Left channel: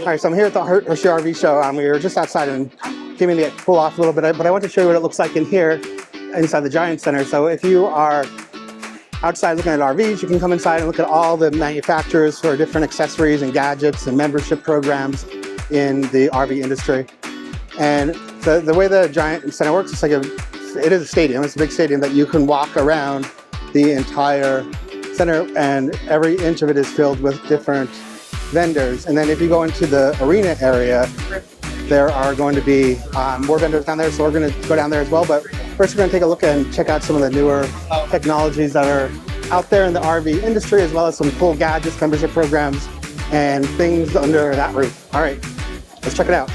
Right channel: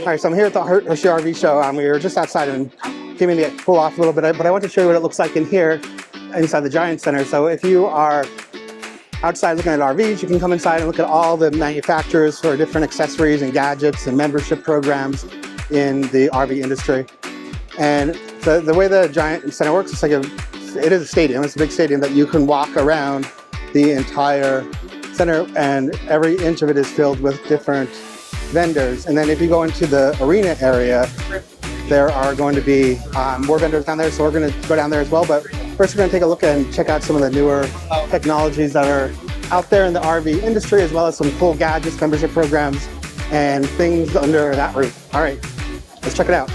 All right, so I'm here at the Hershey RV Show. We were just outside and came in to cool off a little bit, but I want to show you what it looks like in here, inside the Giant Center. So if you are outside looking at RVs, you can come inside and look at all the manufacturers for different accessories and gadgets and membership programs in the RV industry. And the way the Giant Center works, it is a stadium. It's a big stadium that you can walk around the entire center, and every inch of it is filled with different vendors. And then if you go into the arena area, there are going to be more vendors down there, so we're going to go down there as well. But first we're going to take a look and check out some of the newer technologies that are out there in the RV industry, as well as some cool gadgets, membership programs, and things under that roof. All right, let's check it out.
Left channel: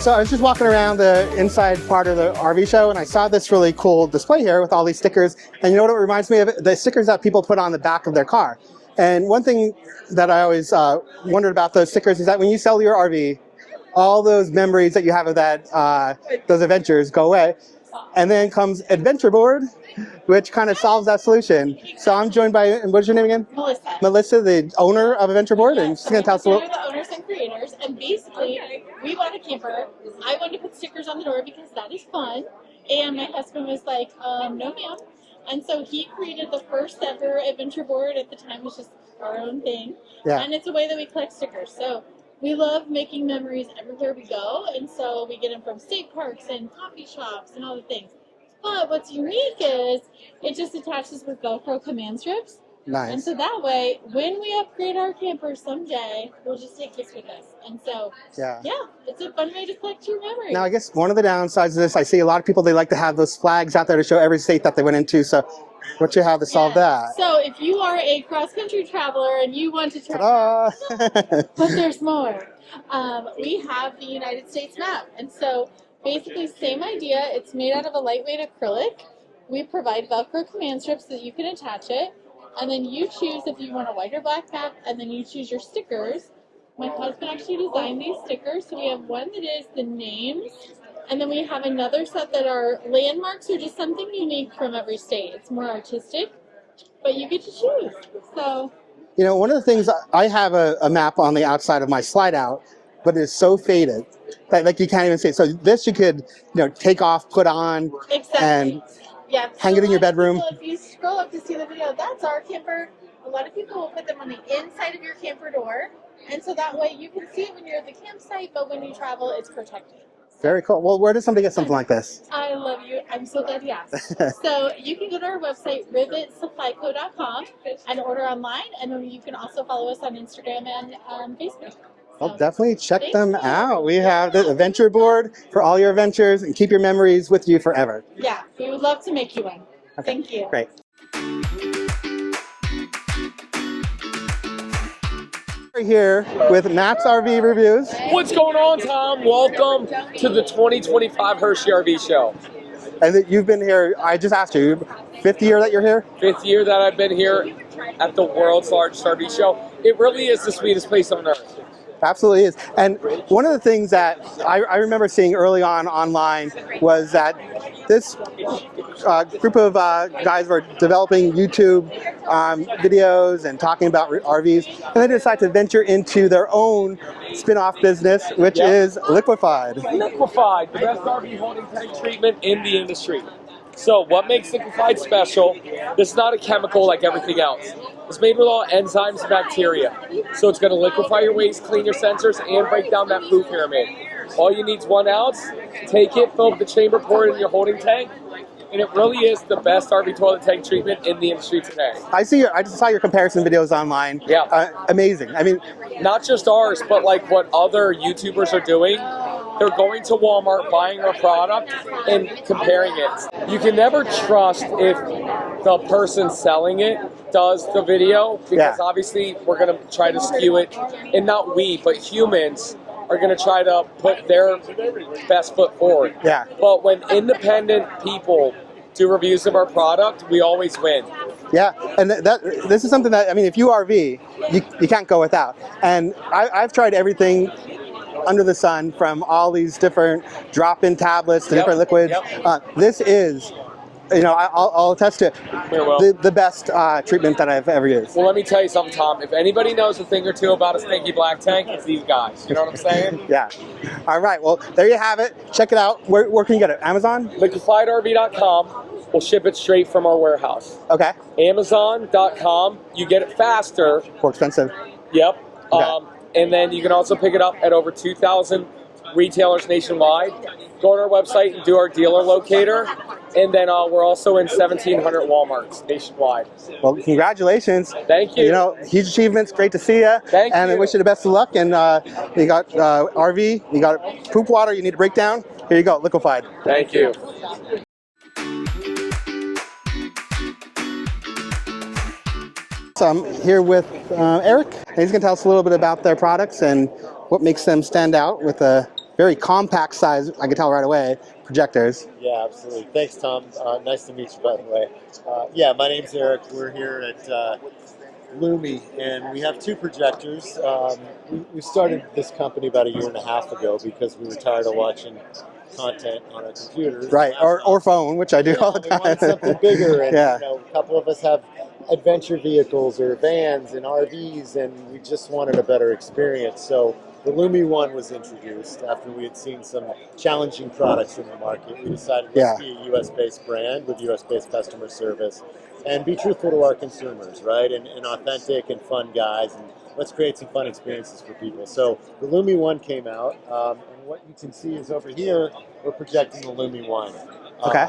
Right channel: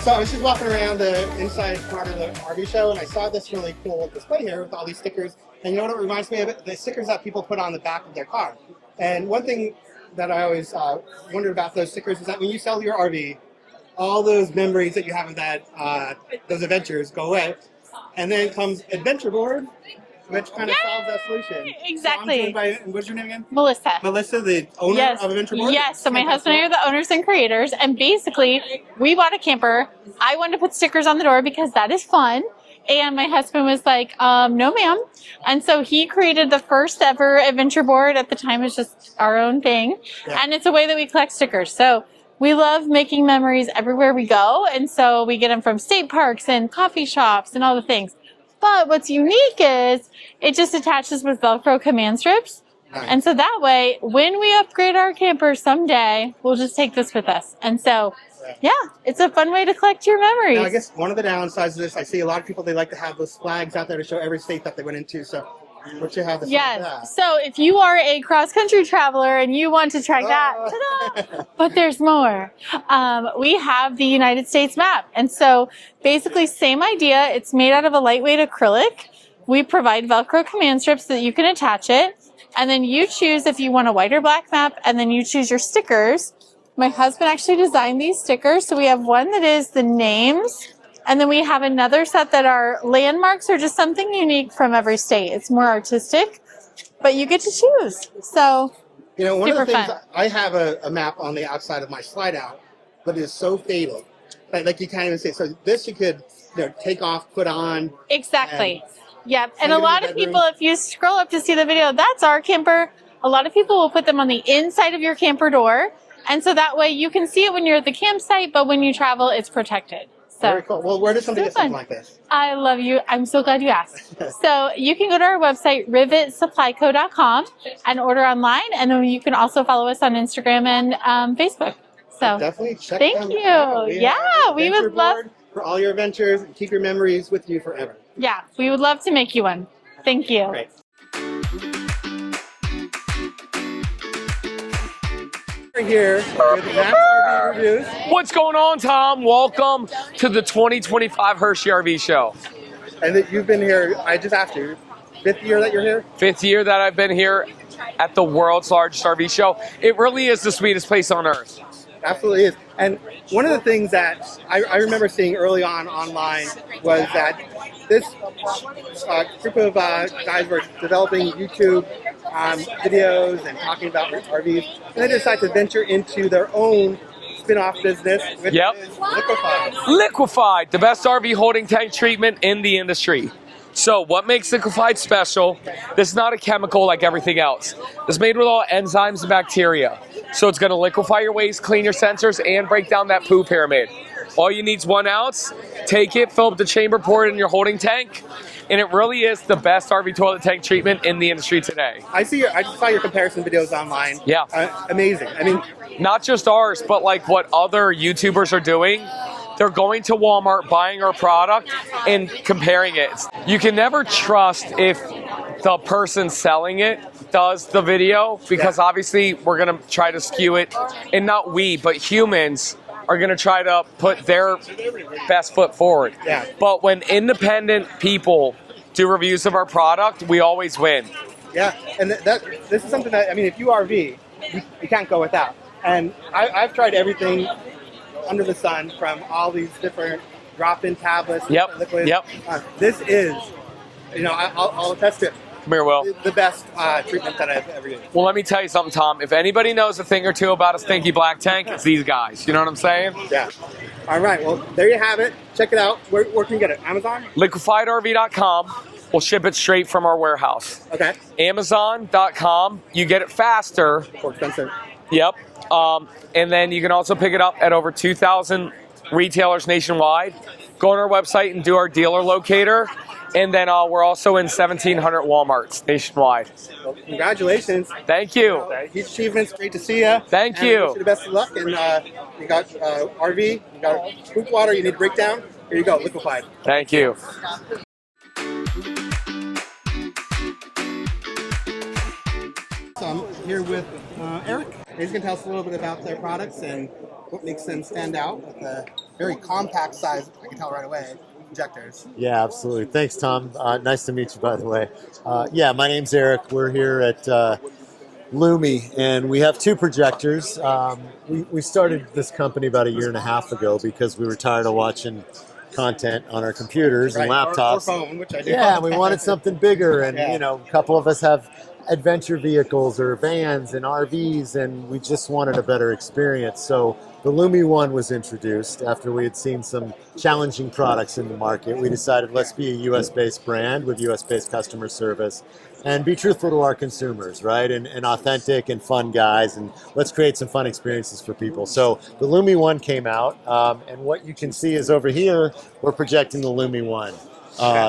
So I was just walking around the inside part of the RV show, and I saw this really cool display here with all these stickers. And you know what it reminds me of? The stickers that people put on the back of their car. And one thing that I always wondered about those stickers is that when you sell your RV, all those memories that you have of that those adventures go away. And then comes Adventure Board, which kind of solves that solution. Exactly. So I'm joined by, what's your name again? Melissa. Melissa, the owner of Adventure Board? Yes, so my husband and I are the owners and creators, and basically, we bought a camper. I wanted to put stickers on the door because that is fun, and my husband was like, no ma'am, and so he created the first ever Adventure Board. At the time, it was just our own thing, and it's a way that we collect stickers. So we love making memories everywhere we go, and so we get them from state parks and coffee shops and all the things. But what's unique is it just attaches with Velcro command strips. Nice. And so that way, when we upgrade our camper someday, we'll just take this with us. And so, yeah, it's a fun way to collect your memories. Now, I guess one of the downsides of this, I see a lot of people, they like to have those flags out there to show every state that they went into. So what you have to solve that? So if you are a cross-country traveler and you want to track that, but there's more. We have the United States map. And so basically same idea. It's made out of a lightweight acrylic. We provide Velcro command strips so that you can attach it. And then you choose if you want a white or black map, and then you choose your stickers. My husband actually designed these stickers. So we have one that is the names, and then we have another set that are landmarks or just something unique from every state. It's more artistic, but you get to choose. So, you know, one of the things, I have a map on the outside of my slide out, but it's so faded that like you can't even see it. So this you could, you know, take off, put on. Exactly. Yep. And a lot of people, if you scroll up to see the video, that's our camper. A lot of people will put them on the inside of your camper door. And so that way you can see it when you're at the campsite, but when you travel, it's protected. So, very cool. Well, where does somebody get something like this? I love you. I'm so glad you asked. So you can go to our website, rivetsupplyco.com, and order online. And then you can also follow us on Instagram and Facebook. So definitely check them out. We have the Adventure Board for all your adventures, and keep your memories with you forever. Yeah, we would love to make you one. Thank you. Great. We're here with Max RV Reviews. What's going on, Tom? Welcome to the 2025 Hershey RV Show. And you've been here, I just asked you, 5th year that you're here? 5th year that I've been here at the world's largest RV show. It really is the sweetest place on earth. Absolutely is. And one of the things that I remember seeing early on online was that this group of guys were developing YouTube videos and talking about RVs, and they decided to venture into their own spin-off business, which is Liquified. Liquified, the best RV holding tank treatment in the industry. So what makes Liquified special? This is not a chemical like everything else. It's made with all enzymes and bacteria. So it's going to liquefy your waste, clean your sensors, and break down that poo pyramid. All you need is 1 ounce. Take it, fill up the chamber, pour it in your holding tank, and it really is the best RV toilet tank treatment in the industry today. I just saw your comparison videos online. Yeah. Amazing. I mean, not just ours, but like what other YouTubers are doing. They're going to Walmart, buying our product, and comparing it. You can never trust if the person selling it does the video, because obviously we're going to try to skew it. And not we, but humans are going to try to put their best foot forward. Yeah. But when independent people do reviews of our product, we always win. Yeah, and this is something that, I mean, if you RV, you can't go without. And I've tried everything under the sun, from all these different drop-in tablets to different liquids. This is I'll attest to it. Very well. The best treatment that I've ever used. Well, let me tell you something, Tom. If anybody knows a thing or two about a stinky black tank, it's these guys. You know what I'm saying? Yeah. All right. Well, there you have it. Check it out. Where can you get it? Amazon? LiquifiedRV.com. We'll ship it straight from our warehouse. Okay. Amazon.com. You get it faster. More expensive. Yep. Okay. And then you can also pick it up at over 2,000 retailers nationwide. Go on our website and do our dealer locator. And then we're also in 1,700 Walmarts nationwide. Well, congratulations. Thank you. Huge achievements. Great to see you. Thank and you. I wish you the best of luck. And you got RV, you got poop water, you need to break down. Here you go, Liquified. Thank you. So I'm here with Eric, and he's going to tell us a little bit about their products and what makes them stand out with a very compact size, I can tell right away, projectors. Yeah, absolutely. Thanks, Tom. Nice to meet you, by the way. Yeah, my name's Eric. We're here at Lumi, and we have two projectors. We started this company about 1.5 years ago because we were tired of watching content on our computers and laptops. Or phone, which I do. Yeah, we wanted something bigger, and Yeah. a couple of us have adventure vehicles or vans and RVs, and we just wanted a better experience. So the Lumi One was introduced after we had seen some challenging products in the market. We decided let's be a US-based brand with US-based customer service and be truthful to our consumers, right? And authentic and fun guys, and let's create some fun experiences for people. So the Lumi One came out, and what you can see is over here, we're projecting the Lumi One.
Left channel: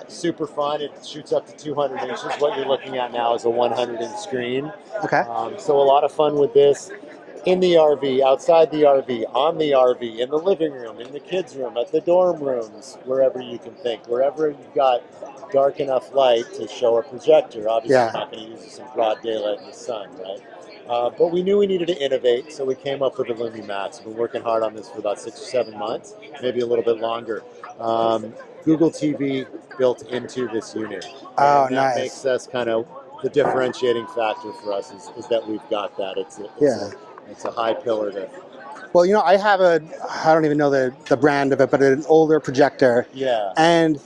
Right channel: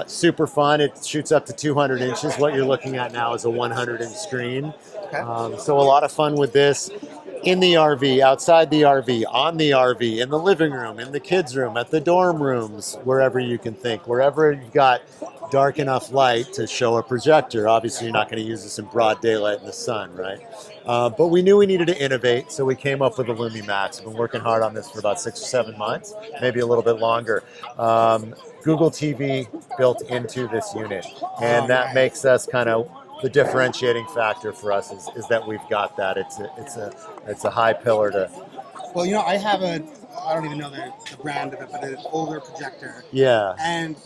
Super fun. It shoots up to 200 inches. What you're looking at now is a 100-inch screen. Okay. So a lot of fun with this. In the RV, outside the RV, on the RV, in the living room, in the kids' room, at the dorm rooms, wherever you can think, wherever you've got dark enough light to show a projector. Obviously, you're not going to use this in broad daylight in the sun, right? But we knew we needed to innovate, so we came up with the Lumi Max. We've been working hard on this for about 6 or 7 months, maybe a little bit longer. Google TV built into this unit, and that makes us kind of the differentiating factor for us is that we've got that. It's a high pillar to. Well, I have I don't even know the brand of it, but an older projector. Yeah. And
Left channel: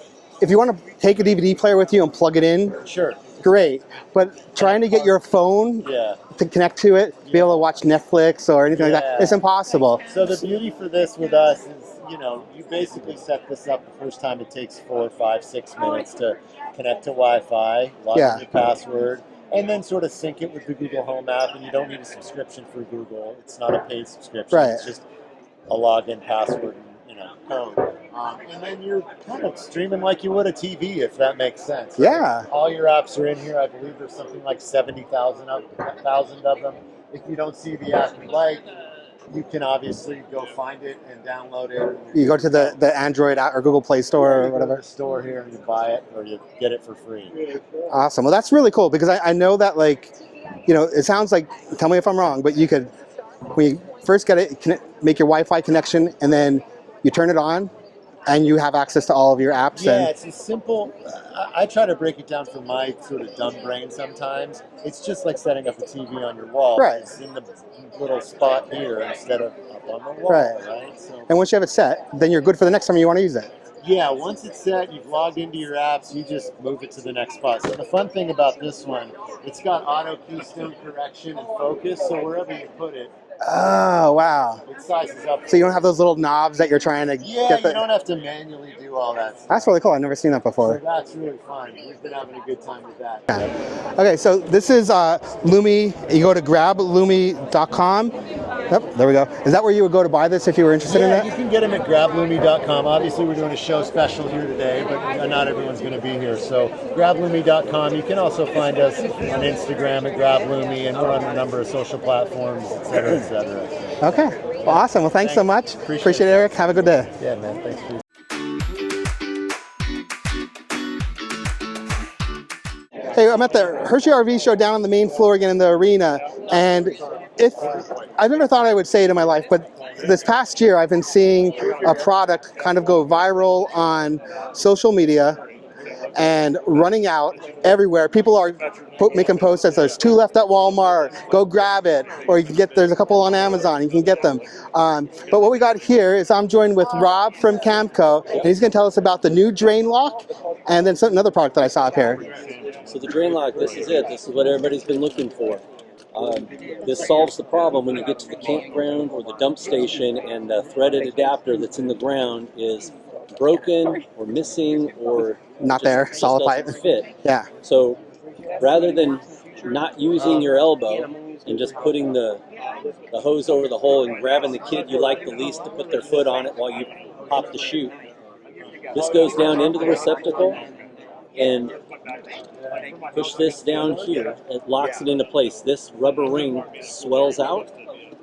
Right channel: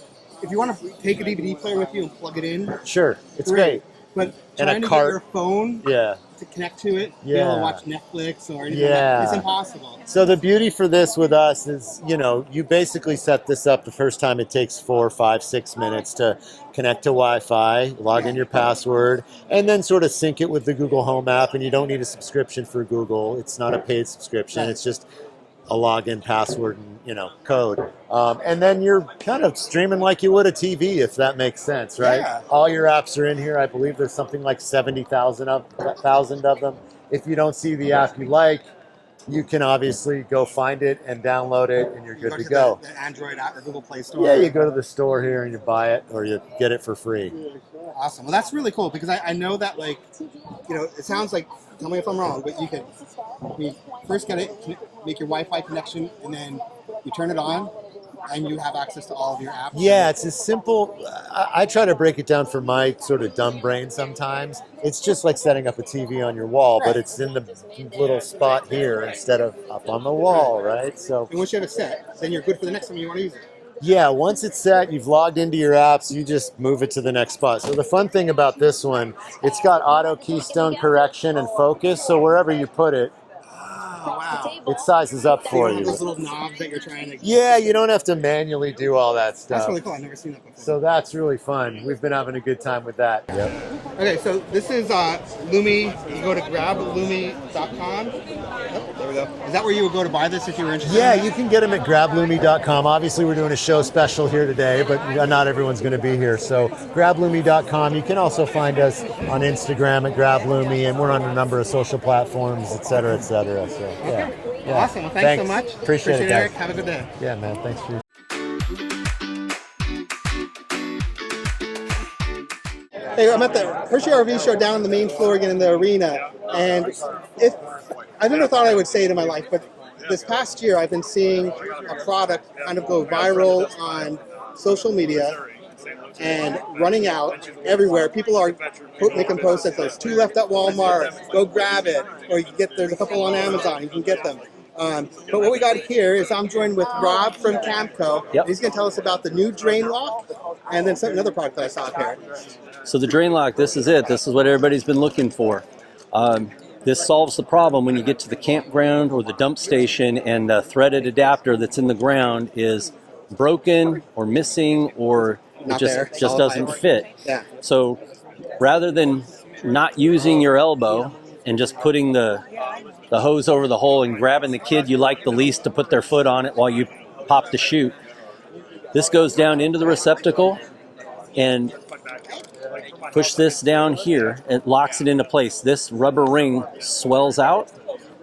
if you want to take a DVD player with you and plug it in, sure, it's great. But trying to get your phone to connect to it, be able to watch Netflix or anything like that, it's impossible. So the beauty for this with us is, you basically set this up the first time. It takes 4, 5, 6 minutes to connect to Wi-Fi, log in your password, and then sort of sync it with the Google Home app. And you don't need a subscription for Google. It's not a paid subscription. Right. It's just a login, password, and code. And then you're kind of streaming like you would a TV, if that makes sense, right? Yeah. All your apps are in here. I believe there's something like 70,000 of them. If you don't see the app you like, you can obviously go find it and download it, and you're good to go. The Android app or Google Play Store. Yeah, you go to the store here and you buy it, or you get it for free. Awesome. Well, that's really cool because I know that, it sounds like, tell me if I'm wrong, but you could, when you first get it, make your Wi-Fi connection, and then you turn it on, and you have access to all of your apps. Yeah, it's as simple. I try to break it down for my sort of dumb brain sometimes. It's just like setting up a TV on your wall, but it's in the little spot here instead of up on the wall, right? So. And once you have it set, then you're good for the next time you want to use it. Yeah, once it's set, you've logged into your apps, you just move it to the next spot. So the fun thing about this one, it's got auto keystone correction and focus, so wherever you put it, oh, wow. it sizes up for you. So you don't have those little knobs that you're trying to you don't have to manually do all that stuff. That's really cool. I've never seen that before. So that's really fun. We've been having a good time with that. Yeah. Okay, so this is Lumi. You go to grablumi.com. Yep, there we go. Is that where you would go to buy this if you were interested in it? Yeah, you can get them at grablumi.com. Obviously, we're doing a show special here today, but not everyone's going to be here. So grablumi.com. You can also find us on Instagram at grablumi, and we're on a number of social platforms, et cetera, et cetera. So, okay, awesome. Well, thanks so much. Appreciate it, Eric. Have a good day. Yeah, man. Thanks for Hey, I'm at the Hershey RV Show down on the main floor again in the arena, and I never thought I would say it in my life, but this past year I've been seeing a product kind of go viral on social media, and running out everywhere. People are making posts that says 2 left at Walmart, go grab it, or you can get, there's a couple on Amazon, you can get them. But what we got here is I'm joined with Rob from Camco, and he's going to tell us about the new drain lock and then another product that I saw up here. So the drain lock, this is it. This is what everybody's been looking for. This solves the problem when you get to the campground or the dump station and the threaded adapter that's in the ground is broken or missing or just doesn't fit. Yeah. So rather than not using your elbow and just putting the hose over the hole and grabbing the kid you like the least to put their foot on it while you pop the chute, this goes down into the receptacle and push this down here. It locks it into place. This rubber ring swells out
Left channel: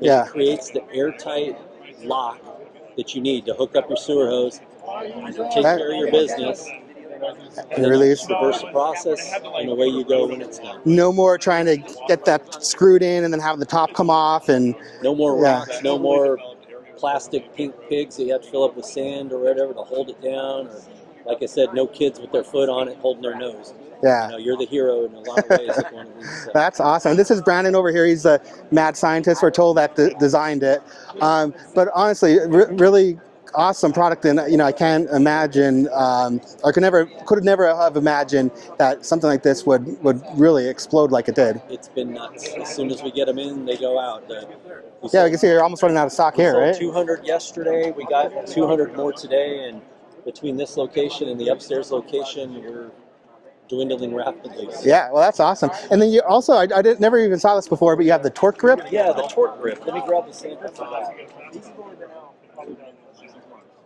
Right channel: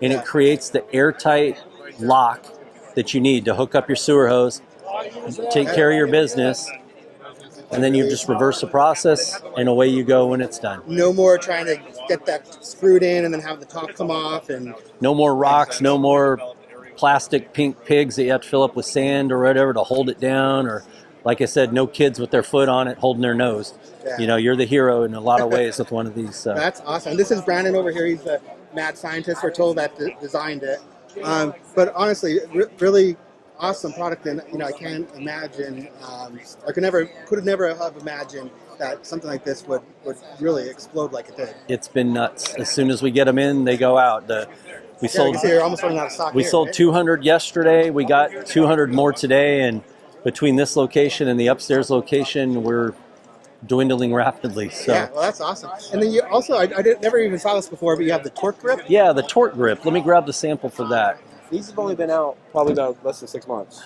and it creates the airtight lock that you need to hook up your sewer hose, take care of your business, and then you just reverse the process and away you go when it's done. No more trying to get that screwed in and then have the top come off, and no more rocks, no more plastic pink pigs that you have to fill up with sand or whatever to hold it down, or like I said, no kids with their foot on it holding their nose. Yeah. You know, you're the hero in a lot of ways with one of these. That's awesome. This is Brandon over here. He's a mad scientist. We're told that designed it. But honestly, really awesome product. And you know, I can't imagine, I could have never have imagined that something like this would really explode like it did. It's been nuts. As soon as we get them in, they go out. You can see you're almost running out of stock here. We sold right? 200 yesterday. We got 200 more today, and between this location and the upstairs location, we're dwindling rapidly. So. Yeah, well, that's awesome. And then you also, I never even saw this before, but you have the torque grip. Yeah, the torque grip. Let me grab the sample for that. These have only been out probably about less than 6 months.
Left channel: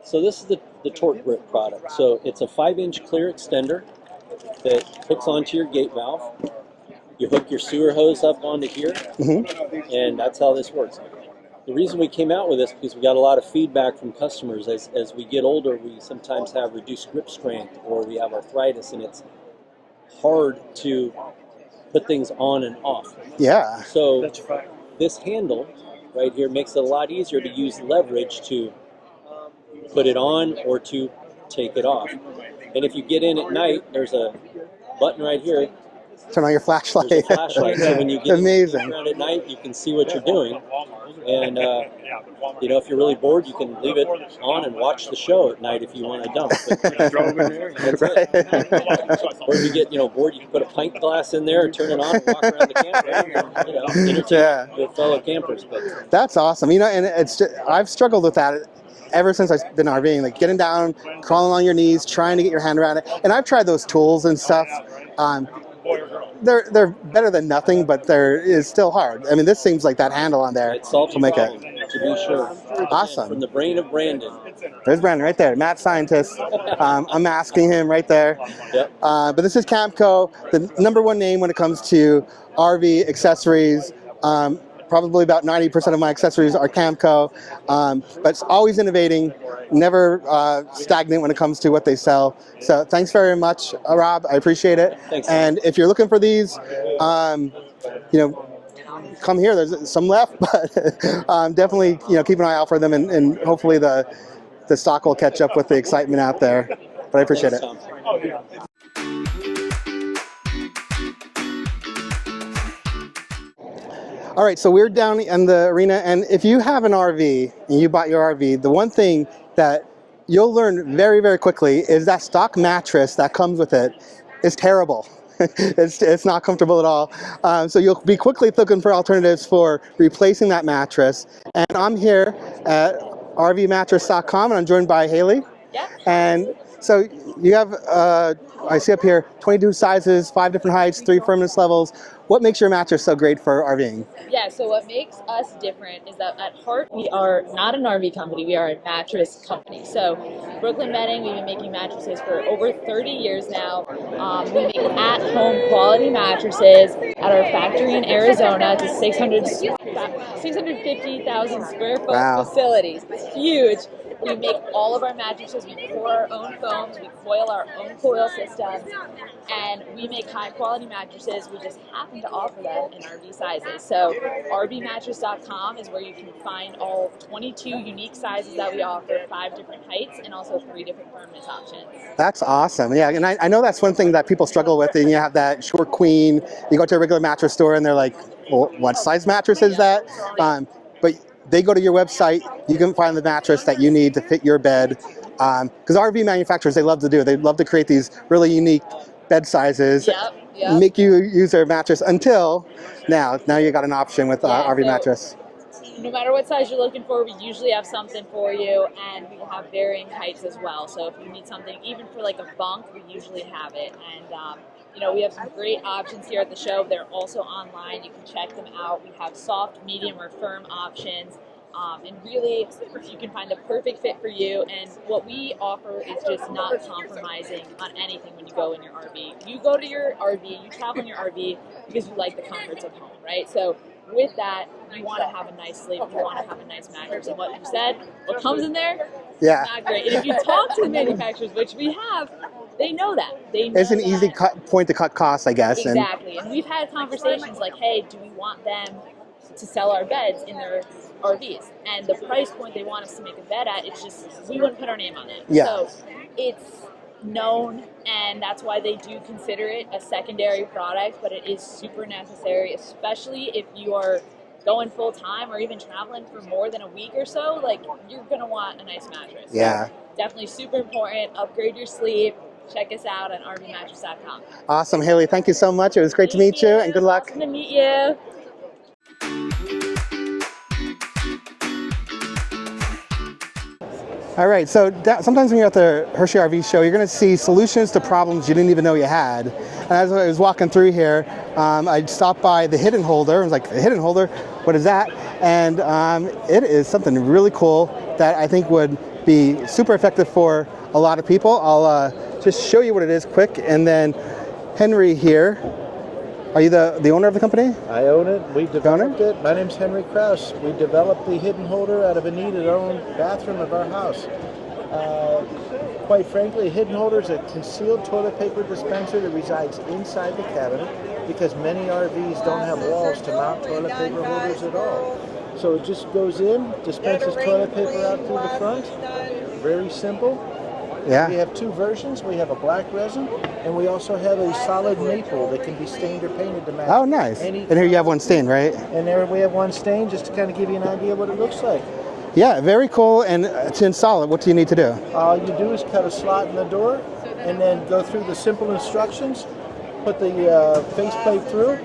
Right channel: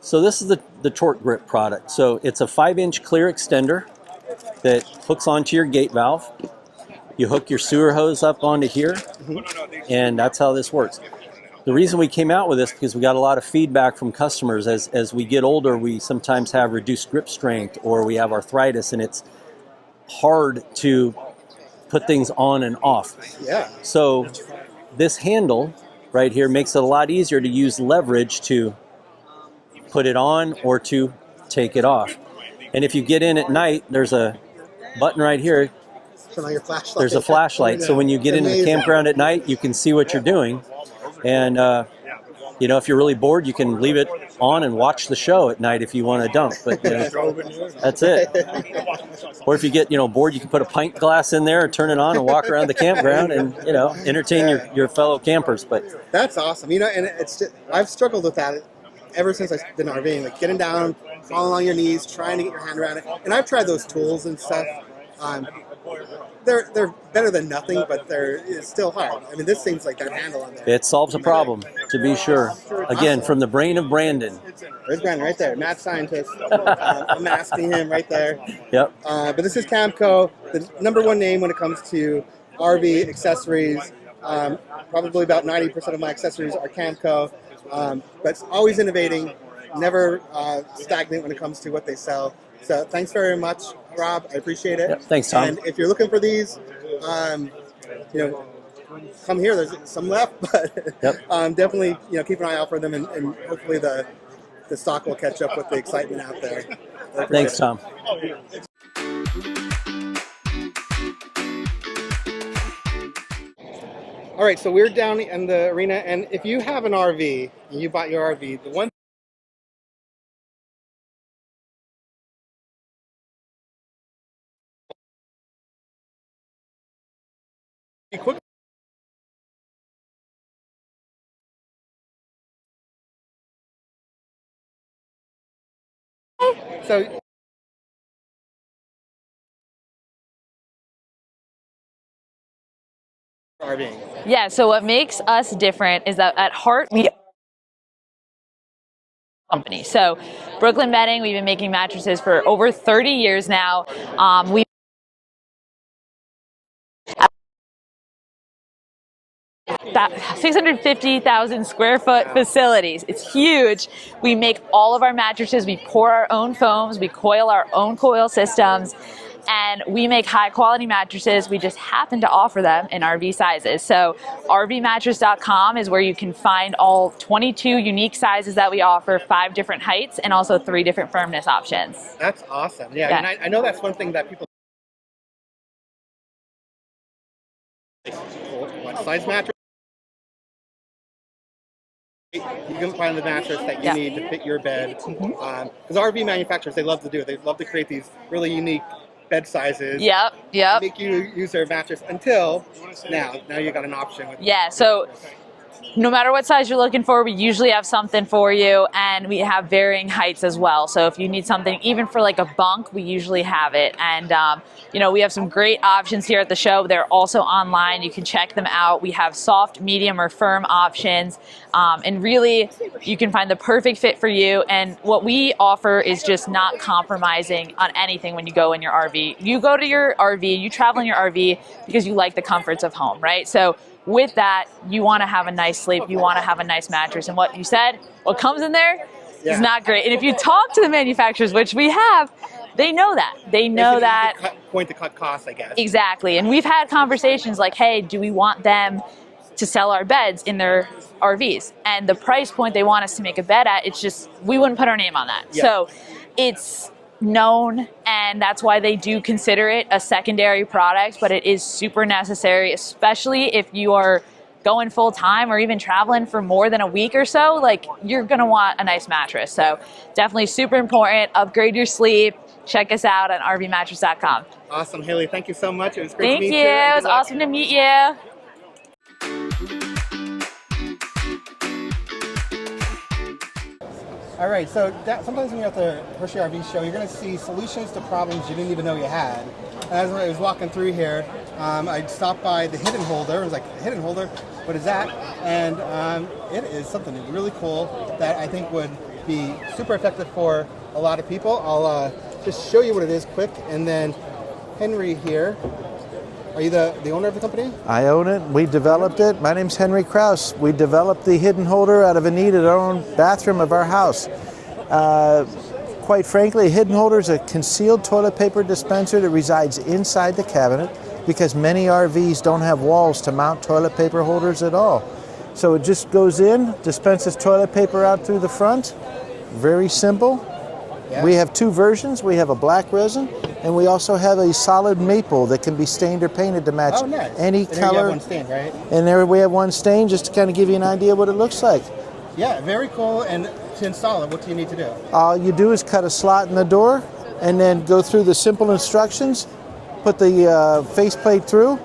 So this is the torque grip product. So it's a 5-inch clear extender that hooks onto your gate valve. You hook your sewer hose up onto here, and that's how this works. The reason we came out with this because we got a lot of feedback from customers. As we get older, we sometimes have reduced grip strength or we have arthritis, and it's hard to put things on and off. Yeah. So this handle right here makes it a lot easier to use leverage to put it on or to take it off. And if you get in at night, there's a button right here. Turn on your flashlight. There's a flashlight. So when you get into the campground at night, you can see what you're doing. And, you know, if you're really bored, you can leave it on and watch the show at night if you want to dump. But that's it. Or if you get, bored, you can put a pint glass in there, turn it on, and walk around the campground and, entertain your fellow campers. But that's awesome. You know, and it's just, I've struggled with that ever since I've been RVing, like getting down, crawling on your knees, trying to get your hand around it. And I've tried those tools and stuff. They're better than nothing, but there is still hard. I mean, this seems like that handle on there. It solves a problem, to be sure. Again, from the brain of Brandon. There's Brandon right there, mad scientist. I'm asking him right there. Yep. But this is Camco, the #1 name when it comes to RV accessories. Probably about 90% of my accessories are Camco, but it's always innovating, never stagnant when it comes to what they sell. So thanks very much, Rob. I appreciate it. Yep, thanks, Tom. And if you're looking for these, come here. There's some left, but definitely keep an eye out for them, and hopefully the stock will catch up with the excitement out there. But I appreciate it. Thanks, Tom. All right, so we're down in the arena, and if you have an RV and you bought your RV, the one thing that you'll learn very, very quickly is that stock mattress that comes with it is terrible. It's not comfortable at all. So you'll be quickly looking for alternatives for replacing that mattress. And I'm here at RVmattress.com, and I'm joined by Haley. Yeah. And so you have, I see up here, 22 sizes, 5 different heights, 3 firmness levels. What makes your mattress so great for RVing? Yeah, so what makes us different is that at heart, we are not an RV company, we are a mattress company. So Brooklyn Bedding, we've been making mattresses for over 30 years now. We make at-home quality mattresses at our factory in Arizona. It's a 650,000 square foot facilities. It's huge. We make all of our mattresses, we pour our own foams, we coil our own coil systems. and we make high quality mattresses. We just happen to offer them in RV sizes. So RVmattress.com is where you can find all 22 unique sizes that we offer, 5 different heights, and also 3 different firmness options. That's awesome. Yeah, Yes. and I know that's one thing that people struggle with. And you have that short queen. You go to a regular mattress store and they're like, well, what size mattress is that? But they go to your website, you can find the mattress that you need to fit your bed. Because RV manufacturers, they love to create these really unique bed sizes. Yep. Make you use their mattress until now you got an option with RV mattress. No matter what size you're looking for, we usually have something for you, and we have varying heights as well. So if you need something even for like a bunk, we usually have it. And you know, we have some great options here at the show. They're also online. You can check them out. We have soft, medium, or firm options. And really, you can find the perfect fit for you. And what we offer is just not compromising on anything when you go in your RV. You go to your RV, you travel in your RV because you like the comforts of home, right? So with that, you want to have a nice sleep. You want to have a nice mattress. And what you said, what comes in there is not great. And if you talk to the manufacturers, which we have, they know that. They know it's that. It's an easy point to cut costs, I guess. Exactly. And we've had conversations like, hey, do we want them to sell our beds in their RVs? And the price point they want us to make a bed at, it's just, we wouldn't put our name on that. Yeah. So it's known, and that's why they do consider it a secondary product, but it is super necessary, especially if you are going full time or even traveling for more than a week or so. Like, you're gonna want a nice mattress. So definitely super important. Upgrade your sleep. Check us out at RVmattress.com. Awesome, Haley. Thank you so much. It was great to meet you. And good luck. Awesome to meet you. All right, so sometimes when you're at the Hershey RV Show, you're going to see solutions to problems you didn't even know you had. And as I was walking through here, I stopped by the hidden holder. I was like, the hidden holder? What is that? And it is something really cool that I think would be super effective for a lot of people. I'll just show you what it is quick. And then Henry here. Are you the owner of the company? I own it. We developed it. My name's Henry Krause. We developed the hidden holder out of a need in our own bathroom of our house. Quite frankly, a hidden holder is a concealed toilet paper dispenser that resides inside the cabinet because many RVs don't have walls to mount toilet paper holders at all. So it just goes in, dispenses toilet paper out through the front. Very simple. Yeah. We have 2 versions. We have a black resin, and we also have a solid maple that can be stained or painted to match any color. And here you have one stain, right? And there we have one stain just to kind of give you an idea what it looks like. Yeah, very cool. And to install it, what do you need to do? All you do is cut a slot in the door and then go through the simple instructions, put the faceplate through.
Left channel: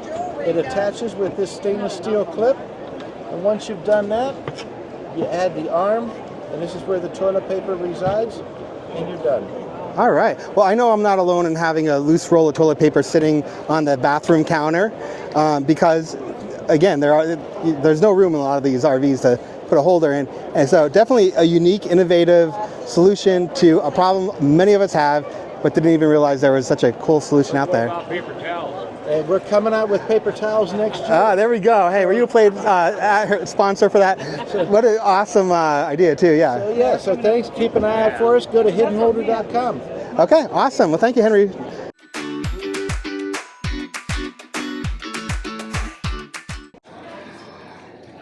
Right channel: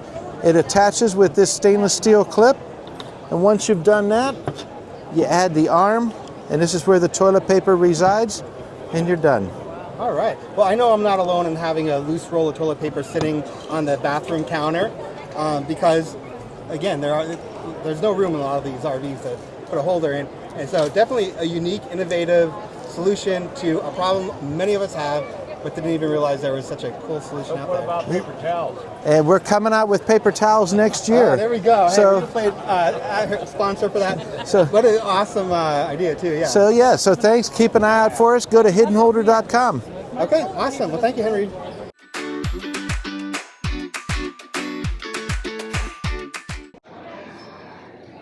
It attaches with this stainless steel clip. And once you've done that, you add the arm, and this is where the toilet paper resides, and you're done. All right. Well, I know I'm not alone in having a loose roll of toilet paper sitting on the bathroom counter because, again, there's no room in a lot of these RVs to put a holder in. And so definitely a unique, innovative solution to a problem many of us have, but didn't even realize there was such a cool solution out there. What about paper towels? And we're coming out with paper towels next year. Ah, there we go. Hey, So- were you playing sponsor for that? So- what an awesome idea, too. Yeah. So thanks. Keep an eye out for us. Go to hiddenholder.com. Okay, awesome. Well, thank you, Henry.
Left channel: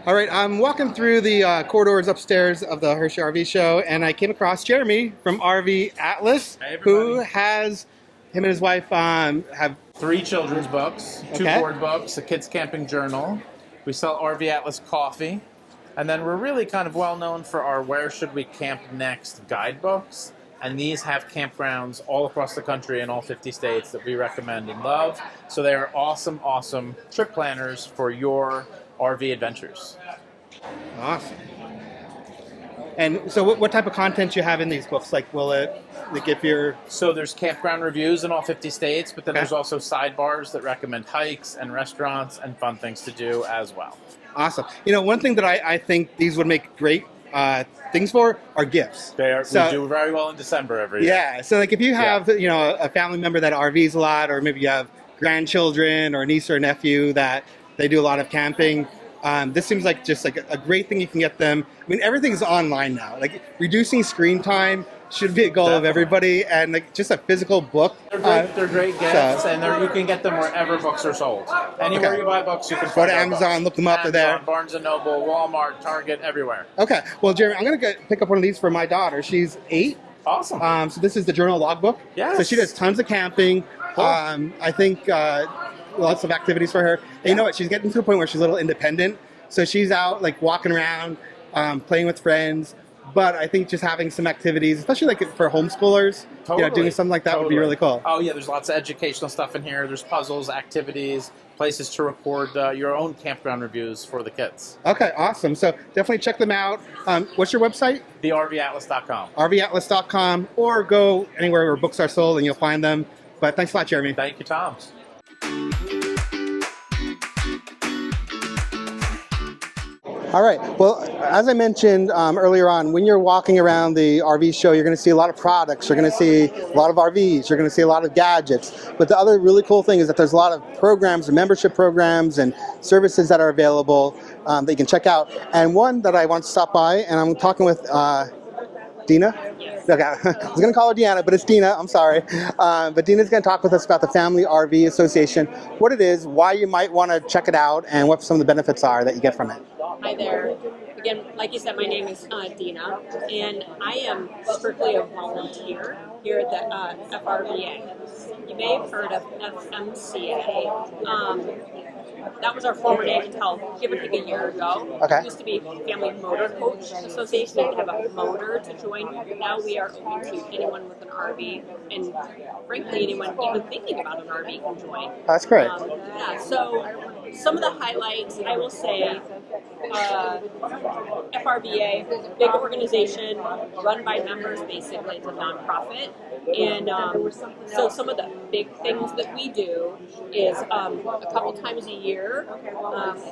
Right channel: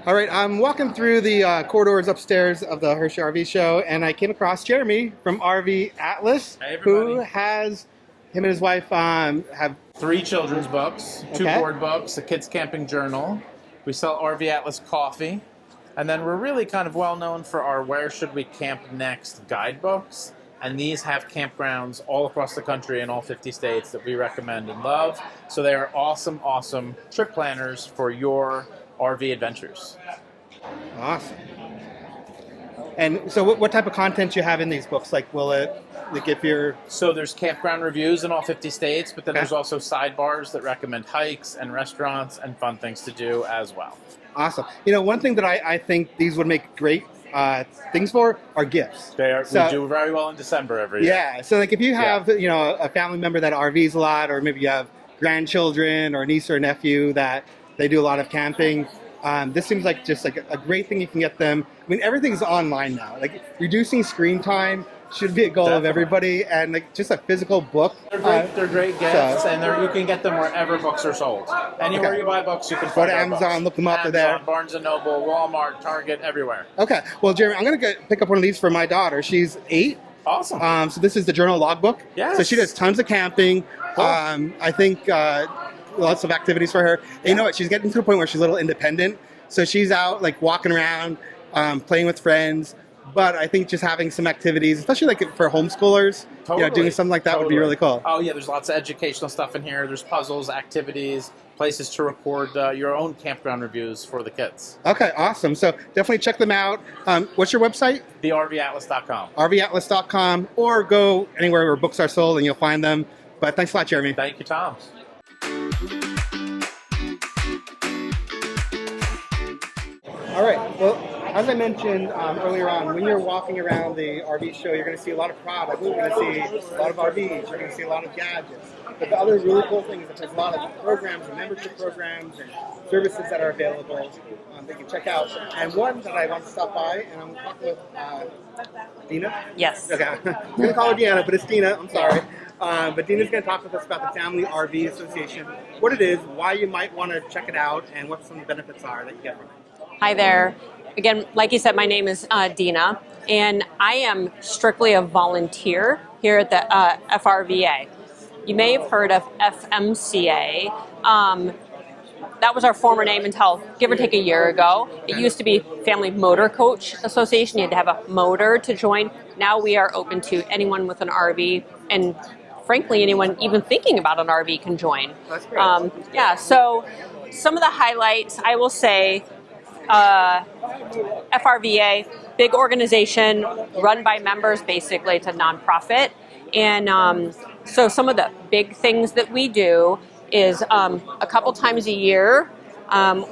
All right, I'm walking through the corridors upstairs of the Hershey RV Show, and I came across Jeremy from RV Atlas, Hey, everybody. who has, him and his wife have 3 children's books, 2 Okay. board books, a kids camping journal. We sell RV Atlas coffee. And then we're really kind of well known for our Where Should We Camp Next guidebooks. And these have campgrounds all across the country in all 50 states that we recommend and love. So they are awesome, awesome trip planners for your RV adventures. awesome. And so what type of content do you have in these books? Like, will it give your... So there's campground reviews in all 50 states, but then Okay. there's also sidebars that recommend hikes and restaurants and fun things to do as well. Awesome. You know, one thing that I think these would make great things for are gifts. They are. So- We do very well in December every year. Yeah. So like if you have, you know, a family member that RVs a lot, or maybe you have grandchildren or a niece or nephew that they do a lot of camping, this seems like just like a great thing you can get them. I mean, everything's online now. Like reducing screen time should be a goal of everybody, and like just a physical book. They're great gifts, and you can get them wherever books are sold. Anywhere you buy books, you can Go find to our Amazon, books. look them up. They're there. Amazon, Barnes & Noble, Walmart, Target, everywhere. Okay. Well, Jeremy, I'm gonna pick up one of these for my daughter. She's 8. Awesome. So this is the journal logbook. Yes. So she does tons of camping. Cool. I think lots of activities for her. And you know what? She's getting to a point where she's a little independent. So she's out like walking around, playing with friends. But I think just having some activities, especially like for homeschoolers, doing something like that would be really cool. Oh yeah, there's lots of educational stuff in here. There's puzzles, activities, places to record your own campground reviews for the kids. Okay, awesome. So definitely check them out. What's your website? TheRVAtlas.com. RVatlas.com, or go anywhere where books are sold and you'll find them. But thanks a lot, Jeremy. Thank you, Tom. All right. Well, as I mentioned earlier on, when you're walking around the RV show, you're going to see a lot of products. You're going to see a lot of RVs. You're going to see a lot of gadgets. But the other really cool thing is that there's a lot of programs and membership programs and services that are available that you can check out. And one that I want to stop by, and I'm talking with Dina? Yes. Okay. I was going to call her Deanna, but it's Dina. I'm sorry. But Dina's going to talk with us about the Family RV Association, what it is, why you might want to check it out, and what some of the benefits are that you get from it. Hi there. Again, like you said, my name is Dina, and I am strictly a volunteer here at the FRVA. You may have heard of FMCA. That was our former name until give or take a year ago. Okay. It used to be Family Motor Coach Association. You had to have a motor to join. Now we are open to anyone with an RV, and frankly, anyone even thinking about an RV can join. That's great. Yeah, so some of the highlights, I will say, FRVA, big organization run by members, basically it's a nonprofit. And so some of the big things that we do is a couple times a year,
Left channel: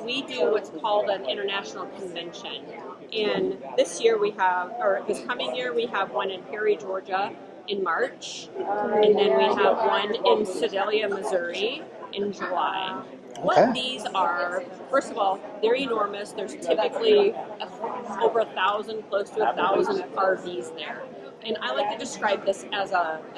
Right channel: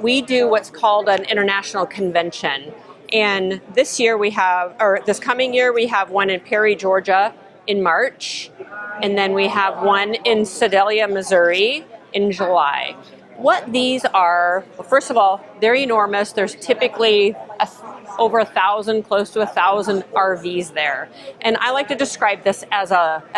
we do what's called an international convention. And this coming year, we have one in Perry, Georgia in March. And then we have one in Sedalia, Missouri in July. What these are, first of all, they're enormous. There's typically over 1,000, close to 1,000 RVs there. And I like to describe this as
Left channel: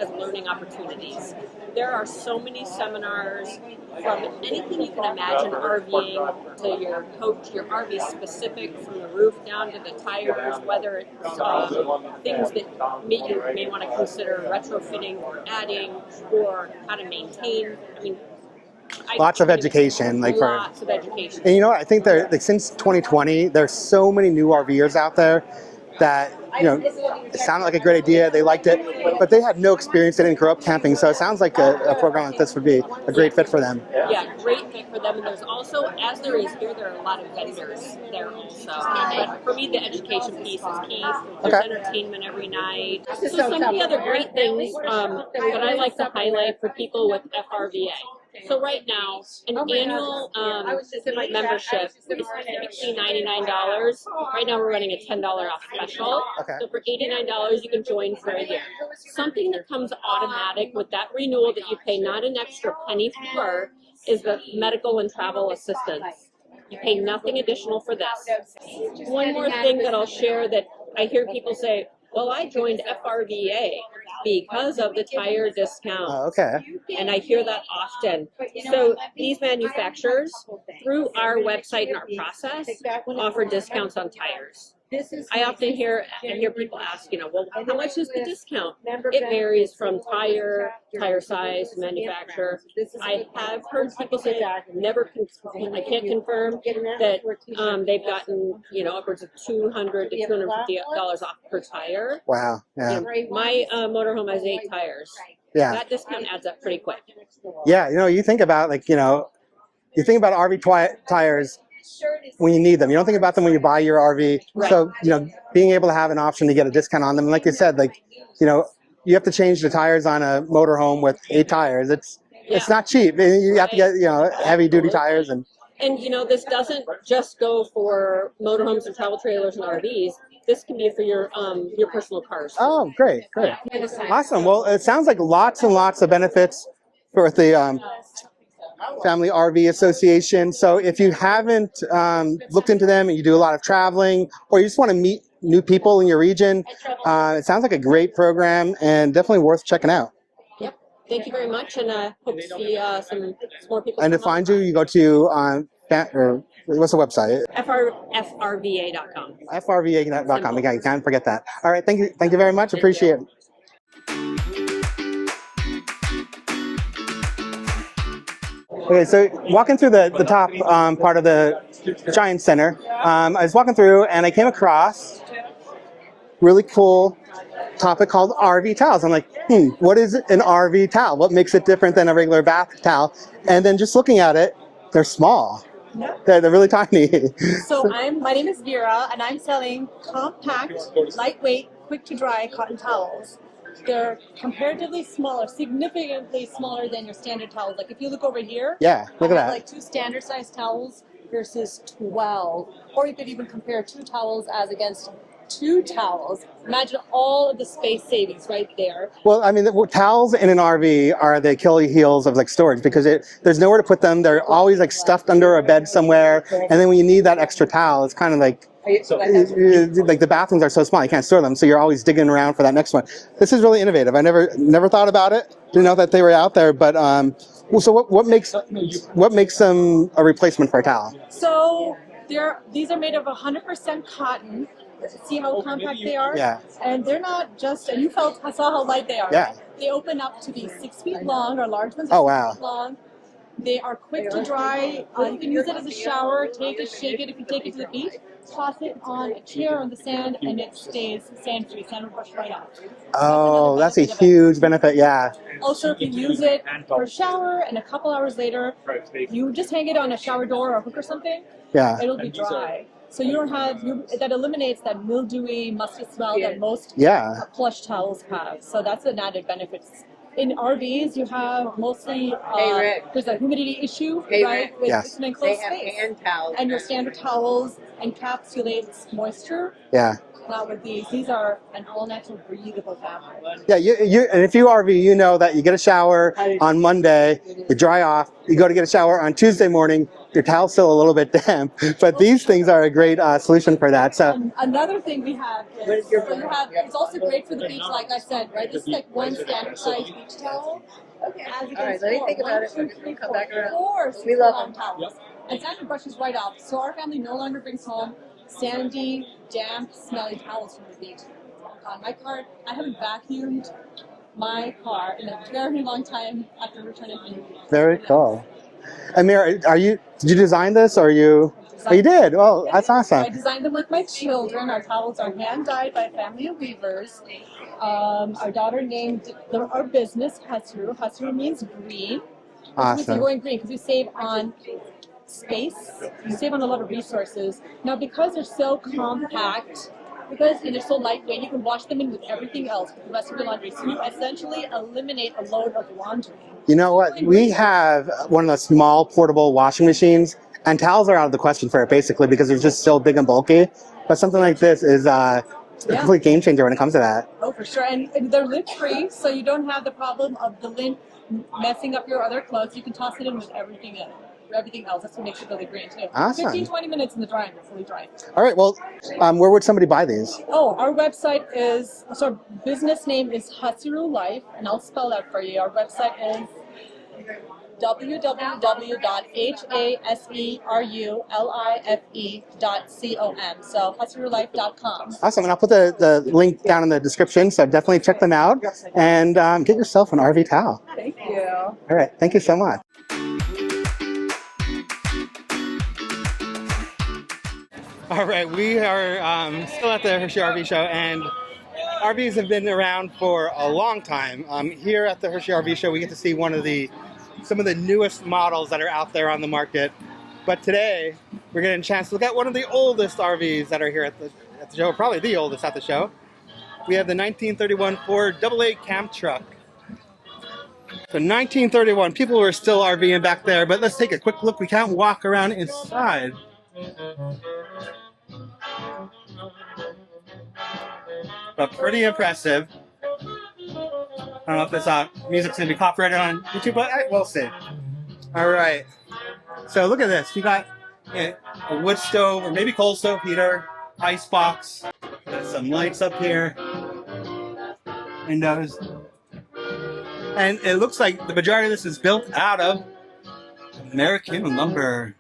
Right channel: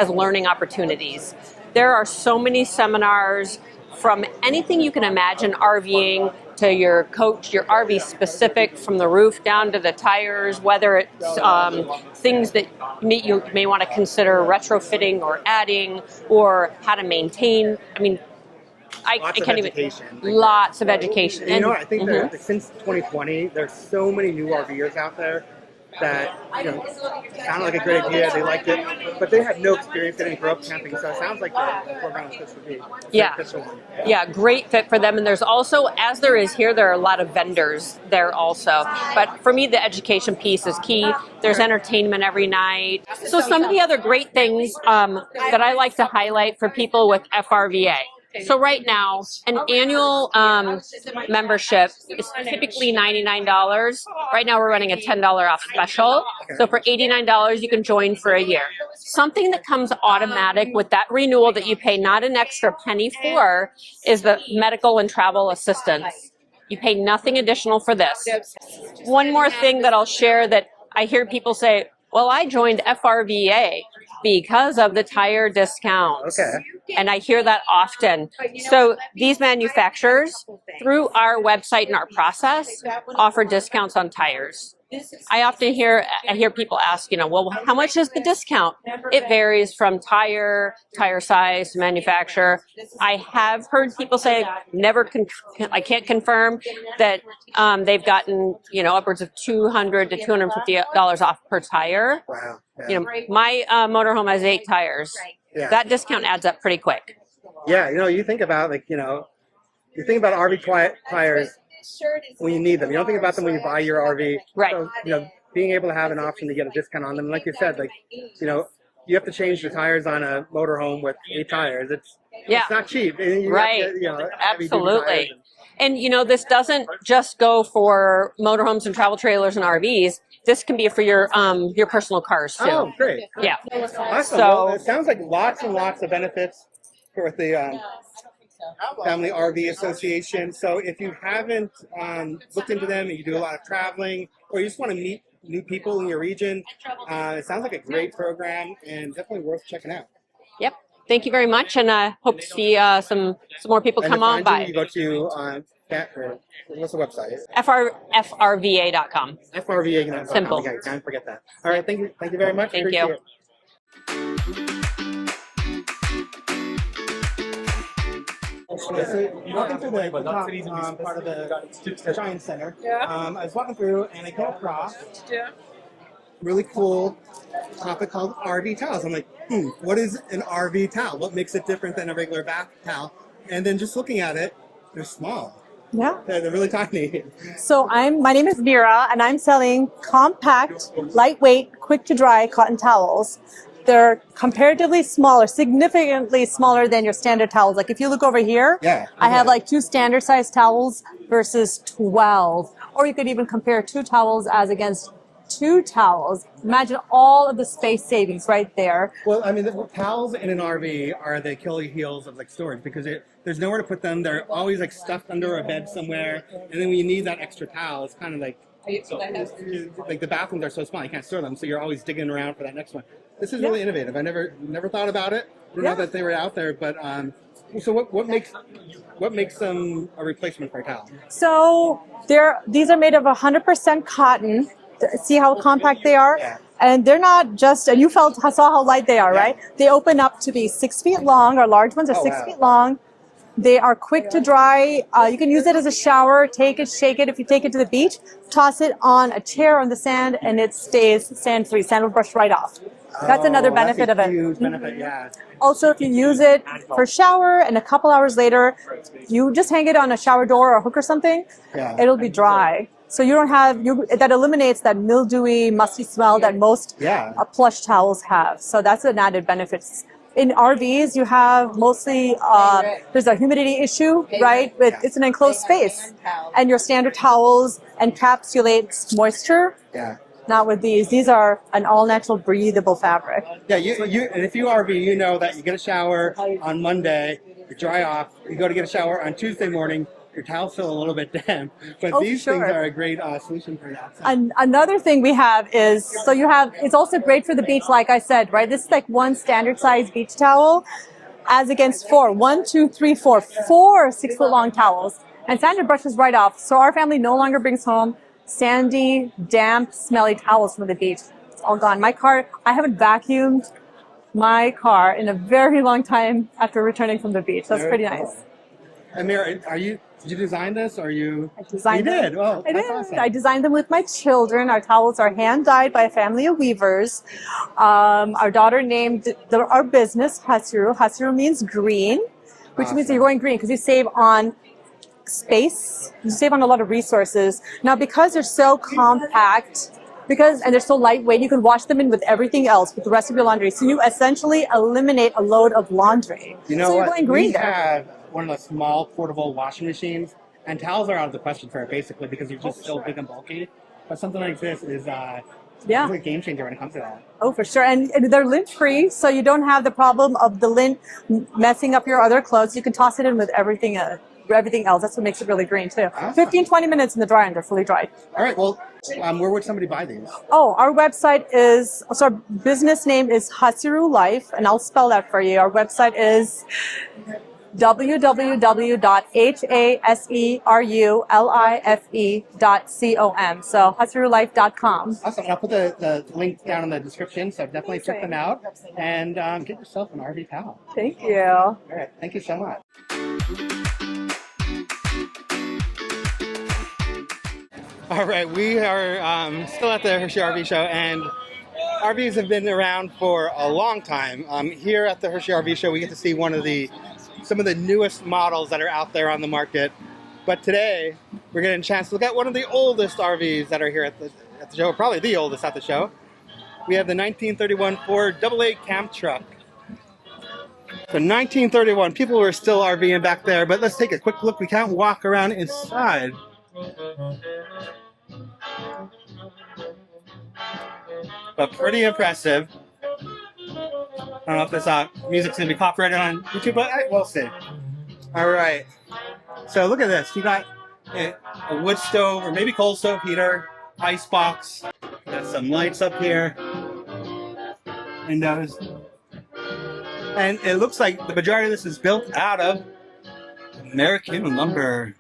learning opportunities. There are so many seminars from anything you can imagine RVing to your coach, your RV specific, from the roof down to the tires, whether it's things that you may want to consider retrofitting or adding, or how to maintain. I mean, lots of education. Lots of education. And you know what? I think that like, since 2020, there's so many new RVers out there that, it sounded like a great idea. They liked it, but they had no experience. They didn't grow up camping. So it sounds like a program like this would be a great fit for them. Yeah, great fit for them. And there's also, as there is here, there are a lot of vendors there also. But for me, the education piece is key. There's entertainment every night. So some of the other great things that I like to highlight for people with FRVA. So right now, an annual membership is typically $99. Right now we're running a $10 off special. So for $89, you can join for a year. Something that comes automatic with that renewal that you pay not an extra penny for is the medical and travel assistance. You pay nothing additional for this. One more thing that I'll share that I hear people say, well, I joined FRVA because of the tire discounts. And I hear that often. So these manufacturers, through our website and our process, offer discounts on tires. I often hear people ask, well, how much is the discount? It varies from tire size, manufacturer. I have heard people say, I can't confirm that they've gotten, upwards of $200 to $250 off per tire. Wow. Yeah. My motorhome has 8 tires. Yeah. That discount adds up pretty quick. Yeah, you think about you think about RV tires when you need them. You don't think about them when you buy your RV. Right. So, being able to have an option to get a discount on them. And like you said, you have to change the tires on a motorhome with 8 tires. It's not cheap. You have to get, heavy duty tires. And this doesn't just go for motorhomes and travel trailers and RVs. This can be for your personal cars too. Oh, great. Yeah. Awesome. Well, it sounds like lots and lots of benefits for the Family RV Association. So if you haven't looked into them and you do a lot of traveling, or you just want to meet new people in your region. It sounds like a great program and definitely worth checking out. Yep. Thank you very much, and hope to see some more people And come to on find by. you go to or what's the website? FRVA.com. FRVA.com. Simple. Okay, you can't forget that. All right, thank you very much. Thank Appreciate you. it. Okay, so walking through the top part of the Giant Center, I was walking through and I came across really cool topic called RV towels. I'm like, what is an RV towel? What makes it different than a regular bath towel? And then just looking at it, they're small. Yeah. They're really tiny. So my name is Vera, and I'm selling compact, lightweight, quick to dry cotton towels. They're comparatively smaller, significantly smaller than your standard towels. Like if you look over here, I have like 2 standard size towels versus 12. Or you could even compare 2 towels as against 2 towels. Imagine all of the space savings right there. Well, I mean, the towels in an RV are the Achilles heels of like storage because there's nowhere to put them. They're always like stuffed under a bed somewhere. And then when you need that extra towel, it's kind of like the bathrooms are so small, you can't store them. So you're always digging around for that next one. This is really innovative. I never thought about it. Didn't know that they were out there. But so what makes them a replacement for a towel? So these are made of 100% cotton. See how compact they are? Yeah. And they're not just, and you saw how light they are, right? They open up to be 6 feet long. Our large ones are 6 feet long. They are quick to dry. You can use it as a shower, take it, shake it. If you take it to the beach, toss it on a chair on the sand, and it stays sand-free. Sand will brush right off. That's another benefit of it. That's a huge benefit, yeah. Also, if you use it for shower and a couple hours later, you just hang it on a shower door or a hook or something, it'll be dry. So you don't have, that eliminates that mildewy, musty smell that most plush towels have. So that's an added benefit. In RVs, you have mostly, there's a humidity issue, right? It's an enclosed space. And your standard towels encapsulate moisture. Yeah. Not with these. These are an all-natural breathable fabric. Yeah, and if you RV, you know that you get a shower on Monday, you dry off, you go to get a shower on Tuesday morning, your towel's still a little bit damp, but these things are a great solution for that. So and another thing we have is, it's also great for the beach, like I said, right? This is like 1 standard size beach towel as against 4. 1, 2, 3, 4. 4 6-foot-long towels. And sand brushes right off. So our family no longer brings home sandy, damp, smelly towels from the beach. It's all gone. My car, I haven't vacuumed my car in a very long time after returning from the beach. That's pretty nice. Amir, did you design this or you? You did. Well, that's awesome. I designed them with my children. Our towels are hand dyed by a family of weavers. Our daughter named our business Haseru. Haseru means green, which means you're going green because you save on space. You save on a lot of resources. Now, because they're so compact, and they're so lightweight, you can wash them in with everything else, with the rest of your laundry. So you essentially eliminate a load of laundry. You know what? We have one of the small portable washing machines, and towels are out of the question for it, basically, because they're just so big and bulky. But something like this is a complete game changer when it comes to that. Oh, for sure. And they're lint-free, so you don't have the problem of the lint messing up your other clothes. You can toss it in with everything else. That's what makes it really green too. Awesome. 15-20 minutes in the dryer and they're fully dried. All right, well, where would somebody buy these? Oh, our website is, so our business name is Haseru Life, and I'll spell that for you. Our website is www.haserulife.com. So haserulife.com. Awesome, and I'll put the link down in the description, so definitely check them out and get yourself an RV towel. Thank you. All right, thank you so much. All right, we are still at the Hershey RV Show, and RVs have been around for a long time. Here at the Hershey RV Show, we get to see some of the newest models that are out there on the market. But today, we're getting a chance to look at one of the oldest RVs that are here at the show, probably the oldest at the show. We have the 1931 Ford AA Camp Truck. So 1931, people were still RVing back there, but let's take a quick look. We can't walk around inside. But pretty impressive. I don't know if this music's going to be copyrighted on YouTube, but we'll see. All right. So look at this. You got a wood stove or maybe coal stove heater, ice box. Got some lights up here. Windows. And it looks like the majority of this is built out of American lumber.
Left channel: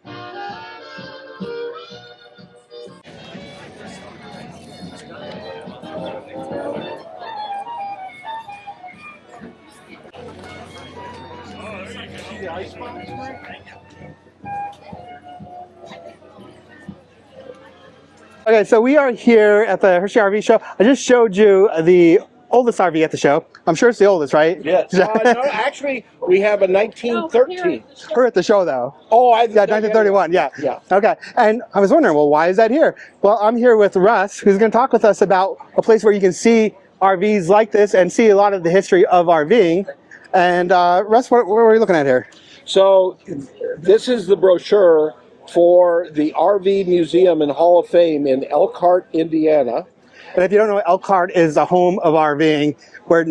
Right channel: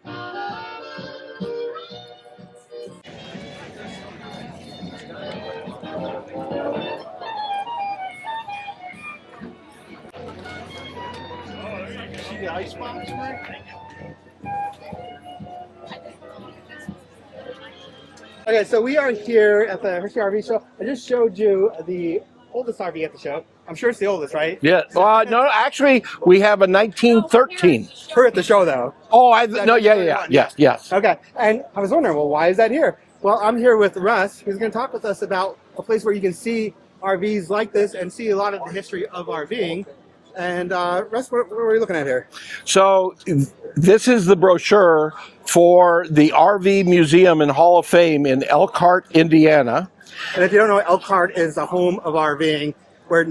Okay, so we are here at the Hershey RV Show. I just showed you the oldest RV at the show. I'm sure it's the oldest, right? Yeah. No, actually, we have a 1913. We're at the show, though. Oh, no, 1931. yeah. Okay, and I was wondering, well, why is that here? Well, I'm here with Russ, who's going to talk with us about a place where you can see RVs like this and see a lot of the history of RVing. And Russ, what are we looking at here? So this is the brochure for the RV Museum and Hall of Fame in Elkhart, Indiana. And if you don't know, Elkhart is the home of RVing, where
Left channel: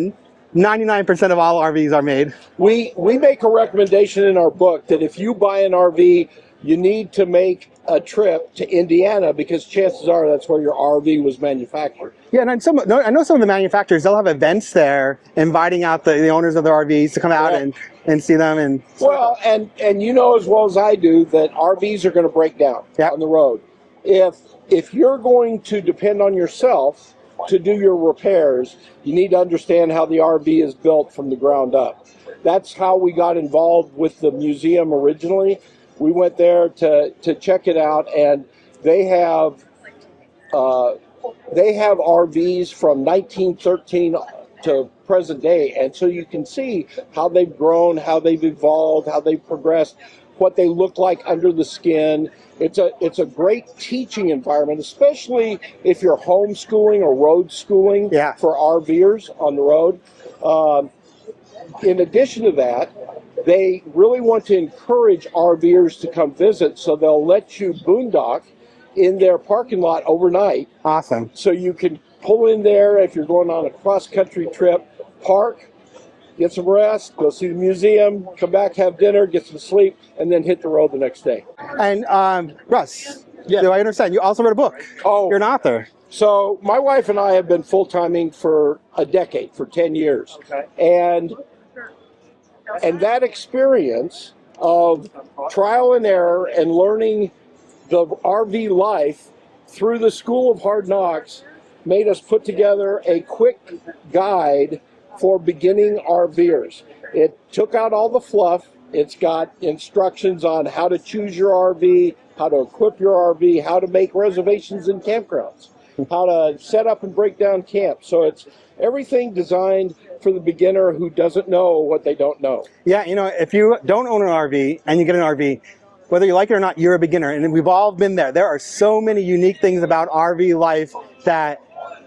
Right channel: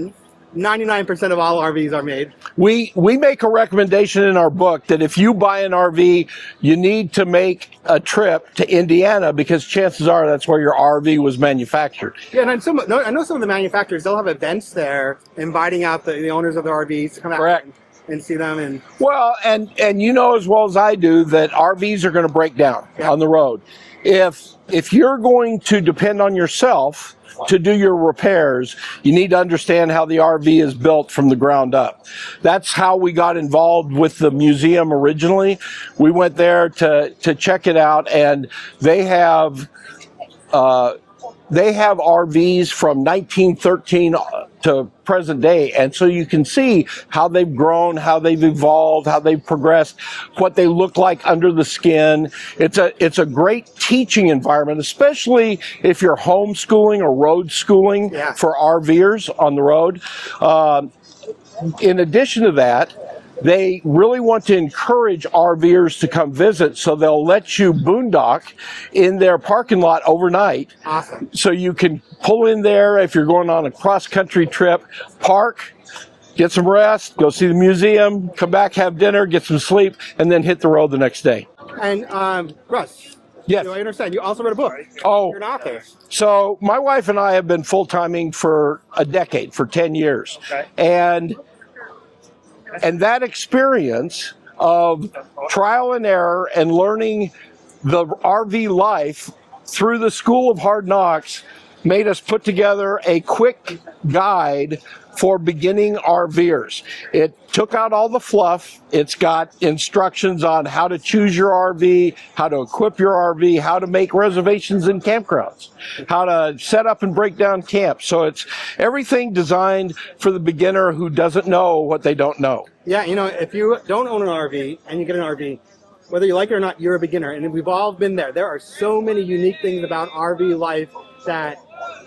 99% of all RVs are made. We make a recommendation in our book that if you buy an RV, you need to make a trip to Indiana because chances are that's where your RV was manufactured. Yeah, and I know some of the manufacturers, they'll have events there inviting out the owners of the RVs to come out and see them. And well, and you know as well as I do that RVs are going to break down on the road. If you're going to depend on yourself to do your repairs, you need to understand how the RV is built from the ground up. That's how we got involved with the museum originally. We went there to check it out, and they have RVs from 1913 to present day, and so you can see how they've grown, how they've evolved, how they've progressed, what they look like under the skin. It's a great teaching environment, especially if you're homeschooling or road schooling for RVers on the road. In addition to that, they really want to encourage RVers to come visit, so they'll let you boondock in their parking lot overnight. Awesome. So you can pull in there if you're going on a cross-country trip, park, get some rest, go see the museum, come back, have dinner, get some sleep, and then hit the road the next day. And Russ, do I understand? You also wrote a book. Oh, you're an author. So my wife and I have been full-timing for a decade, for 10 years. Okay. And that experience of trial and error and learning the RV life through the School of Hard Knocks made us put together a quick guide for beginning RVers. It took out all the fluff. It's got instructions on how to choose your RV, how to equip your RV, how to make reservations in campgrounds, how to set up and break down camp. So it's everything designed for the beginner who doesn't know what they don't know. Yeah, you know, if you don't own an RV and you get an RV, whether you like it or not, you're a beginner. And we've all been there. There are so many unique things about RV life that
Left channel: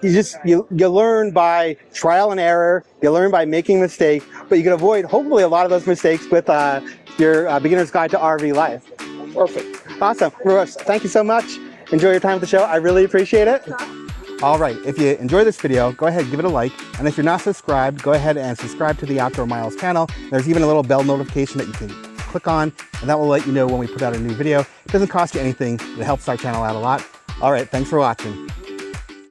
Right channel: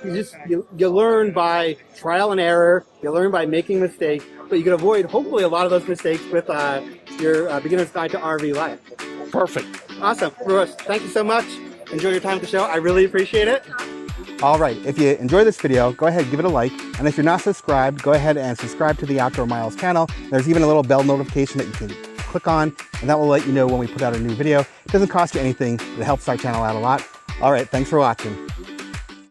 you learn by trial and error, you learn by making mistakes, but you can avoid hopefully a lot of those mistakes with your beginner's guide to RV life. Perfect. Awesome. Russ, thank you so much. Enjoy your time at the show. I really appreciate it. All right, if you enjoyed this video, go ahead and give it a like. And if you're not subscribed, go ahead and subscribe to the Outdoor Miles channel. There's even a little bell notification that you can click on, and that will let you know when we put out a new video. It doesn't cost you anything. It helps our channel out a lot. All right, thanks for watching.